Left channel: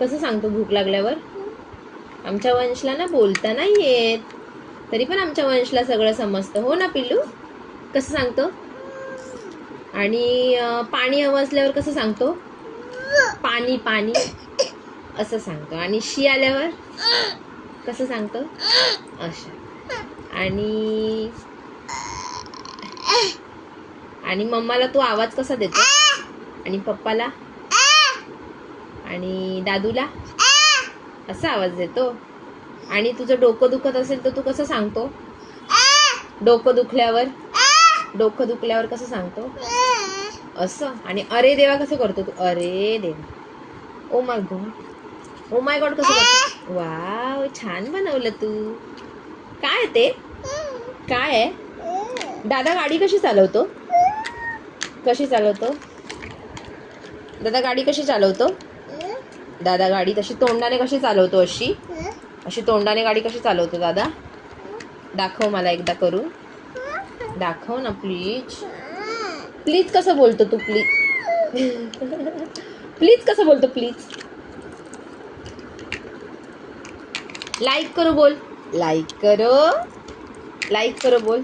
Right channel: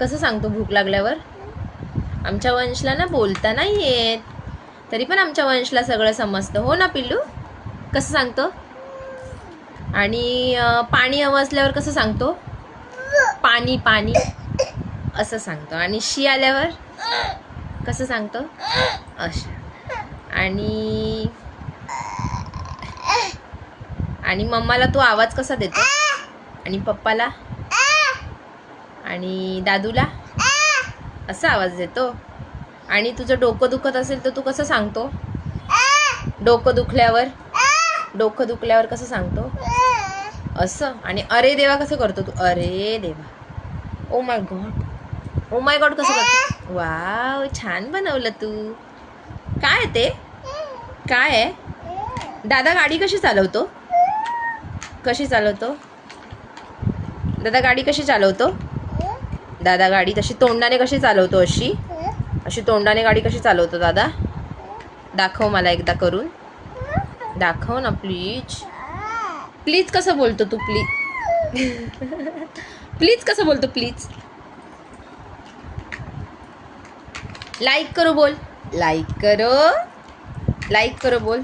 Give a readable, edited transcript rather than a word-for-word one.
कसं सांगतो भूक लागल्यावर? आमच्या वंशला ना बोलता नाही येत, तरी पण आमच्या वंशला सगळं समजतं. हो ना पिल्लू? कसं सांगतो? आणि पाणी हवं असल्यावर कसं सांगतो? पाणी पाणी असं सांगतो. आणि शी आल्यावर कसं सांगतो? असं. आणि मम्माला तू आवाज कसा देतो? आणि पप्पाला आणि दादूला असा आवाज देतो. आणि तुझं डोकं दुखत असेल तर तू कसं सांगतो? डोकं दुखल्यावर कसं सांगतो? असं. आणि अरे देवा कसं करतो तू? अरे देवा. ओ माय गॉड कसं करतो? वाव, छान बनवलं तू. काय ते? काय आहे? दादा गाडी कशी चालवतो? दादा गाडी कशी चालवतो? दादा गाडी तशी तोंडाने कशी चालवतो? अशी तोंडाने गाडी कशी चालवतो दादा? दाखव मला एकदा करून. दाखव ना प्लीज. प्लीज कसं बोलतो तू? प्लीज कसं बोलतो? प्लीज लाईक करो बोल. लाईक करो बोल.